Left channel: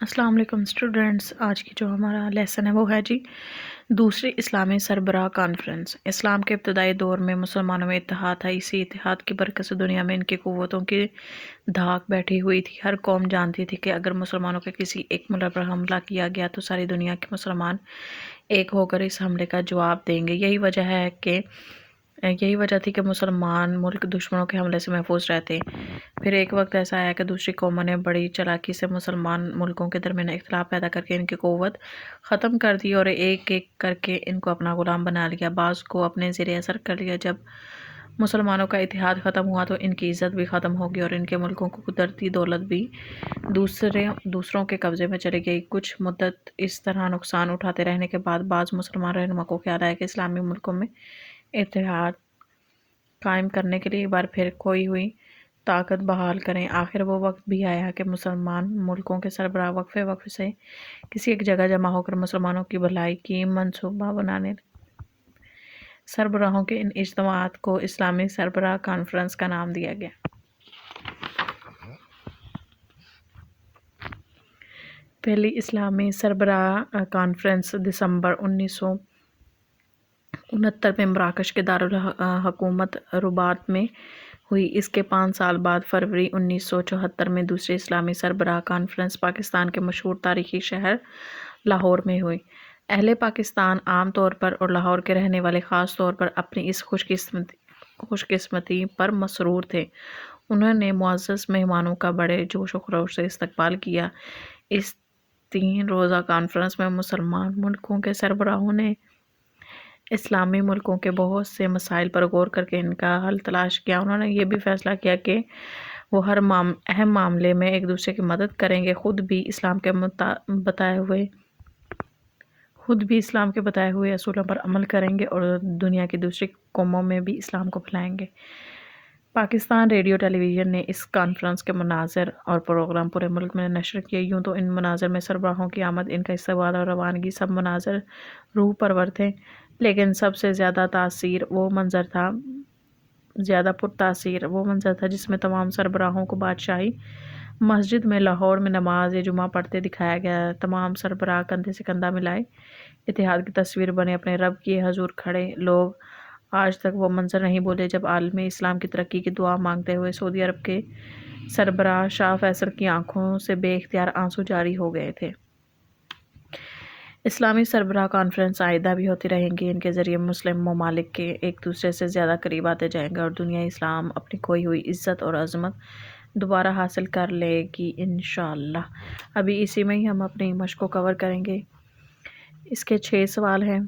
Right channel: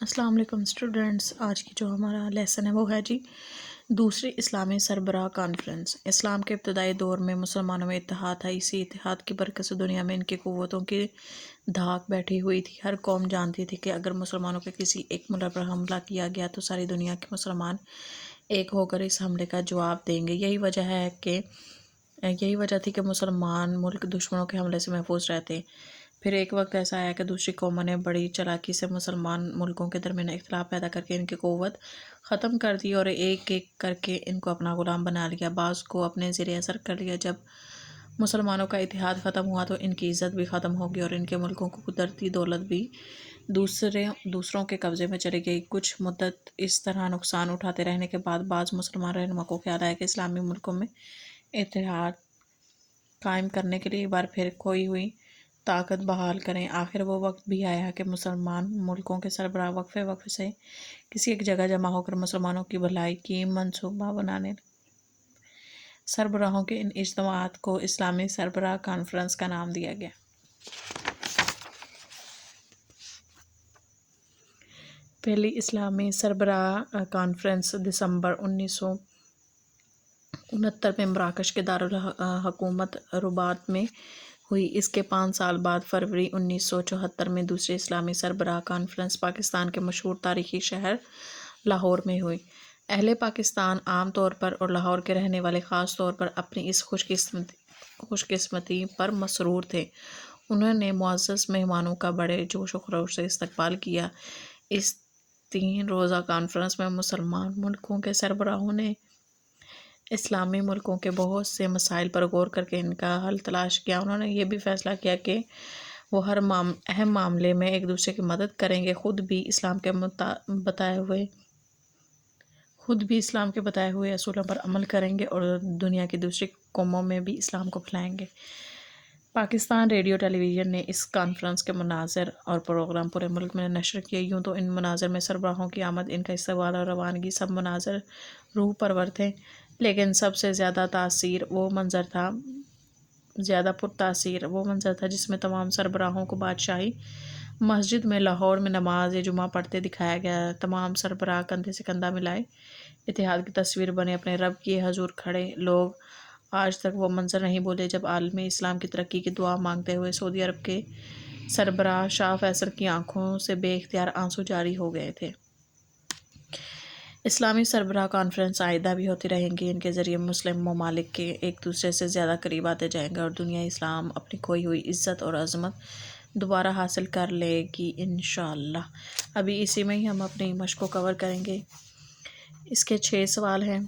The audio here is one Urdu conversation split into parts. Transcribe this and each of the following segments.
السلام علیکم اسٹوڈنٹس، آج کی جو ہمارا لیسن ہے وہ ہے جی دوسری اسلامی سربراہ کانفرنس۔ اسلام کے ابتدائی دور میں مسلمانوں میں اتحاد تھا۔ اسی اتحاد کی برکت سے دنیا میں ان کی قوتوں کی دھاک بیٹھی ہوئی تھی۔ ہر قوم جانتی تھی کہ اگر مسلمانوں کے کسی ایک ملک پر حملہ کیا گیا تو ساری دنیا کے مسلمان ایک ہو کر اس حملے کا جواب دیں گے۔ یہی وجہ تھی کہ مسلمان ملک دشمنوں کے حملے سے محفوظ رہتے۔ پھر ایک وقت ایسا آیا کہ دوسری قوموں نے بڑی چالاکی سے مسلمان ملکوں کے درمیان اختلاف پیدا کر کے ان کی قوت ختم کر دی اور ایک ایک کر کے ان کو اپنا غلام بنا لیا، بعض کو اپنے زیر اثر کر لیا۔ جب مسلمانوں کا اتحاد ختم ہوا تو ان کی عزت بھی ختم ہوگی اور ان کے ملکوں کو قدرتی دولت بھی دوسروں کے قبضے میں چلی گئی۔ کچھ مدت اس طرح نقصان اٹھاتے رہنے کے بعد بعض مسلمان رہنما کو خیال آیا کہ اسلامی ملکوں میں اتحاد قائم کرنے کے لیے ایک بار پھر کھوئی ہوئی طاقت بحال کریں۔ آخر وہ وقت بھی آیا کہ مسلمان ملکوں کے سربراہ وقفے سے کسی ایک جگہ جمع ہو کر مسلمانوں کی بھلائی کی منصوبہ بنانے لگے۔ سربراہوں کے ان اجتماعات کو اسلامی سربراہ کانفرنس کا نام دیا گیا۔ پہلی اسلامی سربراہ کانفرنس دسمبر 1969 میں مراکش کے دارالحکومت رباط میں ہوئی۔ اس کے 5 سال بعد فروری 1974 میں دوسری اسلامی سربراہ کانفرنس پاکستان کے مشہور تاریخی شہر لاہور میں ہوئی۔ اہل پاکستان عام طور پر اور لاہور کے رہنے والے خاص طور پر اپنی اس خوش قسمتی پر مسرور تھے۔ انہوں نے معزز مہمانوں کا بڑے جوش و خروش سے استقبال کیا۔ اس 3 روزہ کانفرنس میں مسلمان ملکوں کے سربراہوں نے اسلامی ملکوں کے بہت سے مسائل پر غور کر کے ان کا حل تلاش کیا۔ انہوں نے یہ بھی فیصلہ کیا کہ وہ ہر اہم معاملے میں ایک دوسرے کی مدد کریں گے، خود بھی اسلام کے بتائے ہوئے اصولوں پر عمل کریں گے اور دنیا کی دوسری قوموں میں بھی اسلام کو پھیلائیں گے۔ پاکستان ریڈیو ٹیلی ویژن نے اس کانفرنس کے مناظر اور پروگرام پورے ملک میں نشر کیے۔ یوں تو ان مناظر میں سربراہوں کی آمد، ان کا استقبال اور روانگی سب مناظر روح پرور تھے، لیکن سب سے زیادہ پرتاثیر وہ منظر تھا جس میں تمام سربراہوں کو بادشاہی مسجد میں لاہور میں نماز جمعہ پڑھتے دکھایا گیا۔ تمام سربراہ کندھے سے کندھا ملائے اتحاد کی تصویر بنے اپنے رب کے حضور کھڑے۔ لوگ آج تک وہ منظر نہیں بھولے جب عالم اسلام کی ترقی کی دعا مانگتے ہوئے سعودی عرب کے سربراہ شاہ فیصل کی آنکھوں سے بے اختیار آنسو جاری ہو گئے تھے۔ اسلامی سربراہ کانفرنس آئندہ بھی ہوتی رہیں گی۔ ان کے ذریعے مسلم ممالک کے ایک دوسرے سے زیادہ قریب آتے جائیں گے اور دنیا اسلام اپنی کھوئی ہوئی عزت اور عظمت دوبارہ حاصل کر لے گی انشاءاللہ۔ ابھی اسی میں ہی ہم اپنی مشق کو کور کریں گے۔ اس کے 6 سوال ہیں۔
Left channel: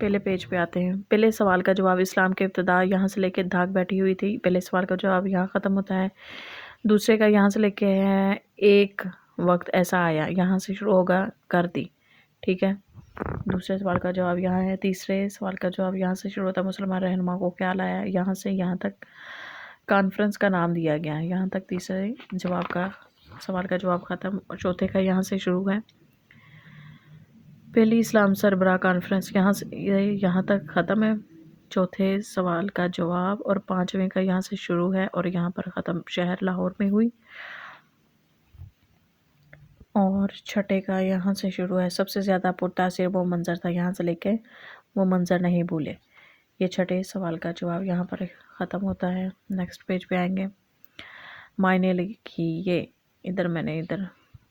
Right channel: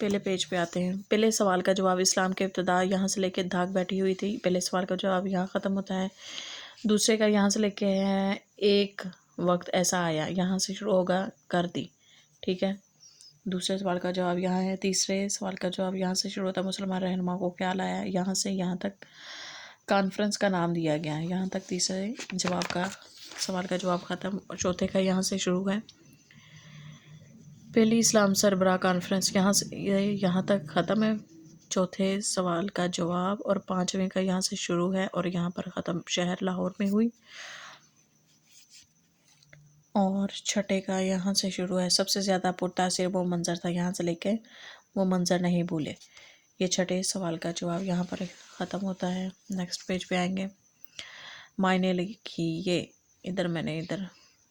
پہلے پیج پہ آتے ہیں۔ پہلے سوال کا جواب: اسلام کے ابتدا یہاں سے لے کے دھاک بیٹھی ہوئی تھی۔ پہلے سوال کا جواب یہاں ختم ہوتا ہے۔ دوسرے کا یہاں سے لے کے ہے ایک وقت ایسا آیا، یہاں سے شروع ہوگا کر دی، ٹھیک ہے۔ دوسرے سوال کا جواب یہاں ہے۔ تیسرے سوال کا جواب یہاں سے شروع ہوتا ہے، مسلمان رہنما کو خیال آیا، یہاں سے یہاں تک کانفرنس کا نام دیا گیا ہے۔ یہاں تک تیسرے سوال کا جواب ختم اور چوتھے کا یہاں سے شروع ہے۔ پہلی اسلام سربراہ کانفرنس یہاں تک ختم ہے، چوتھے سوال کا جواب، اور 5ویں کا یہاں سے شروع ہے اور یہاں پر ختم، شہر لاہور میں ہوئی، اور چھٹے کا یہاں سے شروع ہے، سب سے زیادہ پرتاثیر وہ منظر تھا، یہاں سے لے کے وہ منظر نہیں بھولے۔ یہ چھٹے سوال کا جواب یہاں پر ختم ہوتا ہے۔ نیکسٹ پیج پہ آئیں گے۔ معنی لکھیے۔ ادھر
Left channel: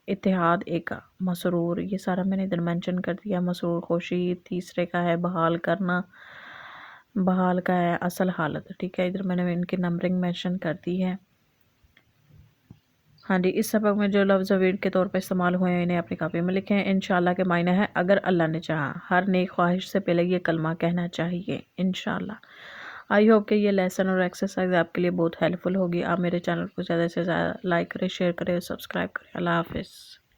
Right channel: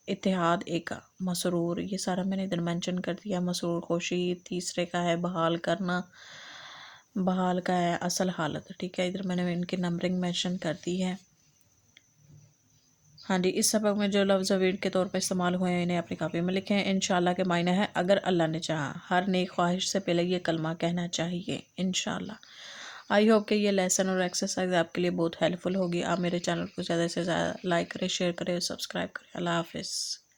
اتحاد ایک مسرور، یہ سارا میں نے ادھر مینشن کر دیا۔ مسرور خوشی۔ تیسرے کا ہے بحال کرنا، بحال کا ہے اصل حالت، ٹھیک ہے۔ ادھر میں نے ان کی نمبرنگ مینشن کر دی ہے۔ ہاں جی، اس سبق میں جو لفظ ورڈ کے طور پر استعمال ہوئے ہیں انہیں اپنی کاپی میں لکھیں۔ انشاءاللہ کے معنی ہے اگر اللہ نے چاہا، ہر نیک خواہش سے پہلے یہ کلمہ کہنا چاہیے انشاءاللہ۔ آئی ہوپ کہ یہ لیسن اور ایکسرسائز آپ کے لیے بہت ہیلپ فل ہوگی۔ آپ میرے چینل کو زیادہ سے زیادہ لائک کریں، شیئر کریں، سبسکرائب کریں۔ اللہ حافظ۔